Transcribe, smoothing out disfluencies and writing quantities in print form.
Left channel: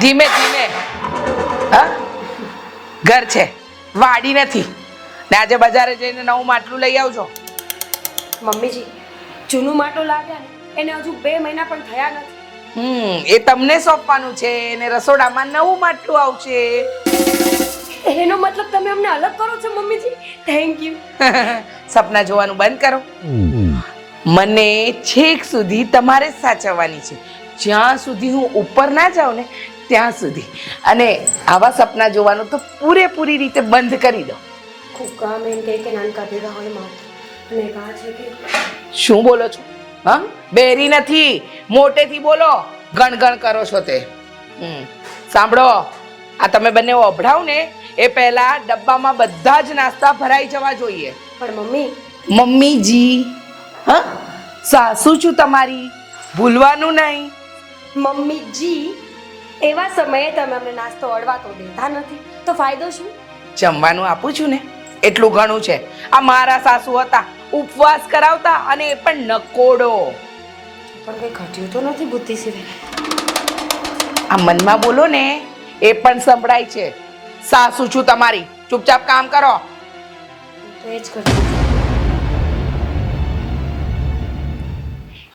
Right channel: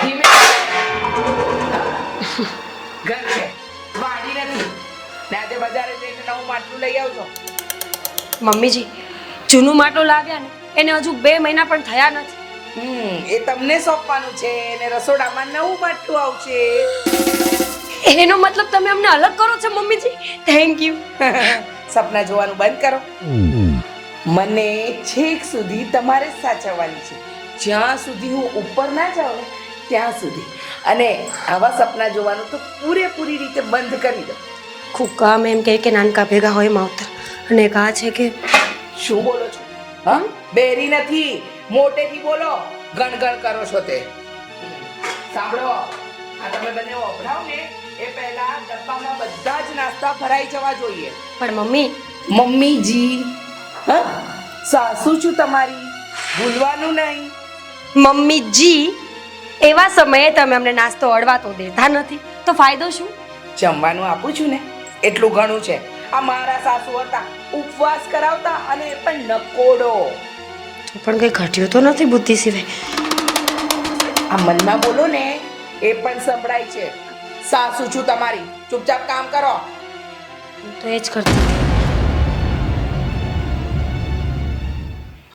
ધીમે ધીમે. હા? ઘર છે, વાડી નથી. ને આજે બજારે જઈને નવું માટલું લઈ આવજો. મમ્મીજી, જૂનું માટલું લાગે ને એને હજુ 2 મહિના પણ થયા નથી. એ તમને સોંપવાનું છે અને રસોડામાં નવું માટલું આવશે. એનો મતલબ તમે અમને અલગ કરો છો મમ્મીજી. Thank you. સપના જોવાનું બંધ કરો. મને છેક સુધી તમારે જ સાચવવાની છે. જ્યાં સુધી હું ઉપર ના જાઉં ને ત્યાં સુધી. અને આવા સપના જોવાનું તો પૂરેપૂરી રીતે બંધ કરી દો. ખુક્કામ એમ કહે કે નાનકા ભેગા હોય માવતર, અને એક આ છે કે શું બોલો છો? હા, બેરી નથી, મોટેથી બોલો. ગણગણ કરો છો તે. સાંભળો, આ તમે બંને ઓભળાવ ને એ પહેલા ડબ્બામાં બધા જ નાસ્તા ભરાઈ જવા જોઈએ. પણ મમ્મી, મમ્મીજી, હા, સાસુ છું તમારી, ભૂલવાનું નહીં. મમ્મીજી, એવા સમયે તમે અમને નાસ્તો અડવા તો દેતા નથી, તો ફાયદો શું? જમવાનું આપું છું ને એટલું ઘણું છે. આ મારા સાસુ હતા, ઉપવાસ કરાવતા, અને એ પણ નકોડો. પણ કઈ ઘટ્યું તો નથી બુદ્ધિ સિવાય. આ મનમાં બોલો ને એ પણ સંભળાય છે. સાસુ છું તમારી, ચૂપચાપ કામ કરો. તો એ જ કરતી હતી.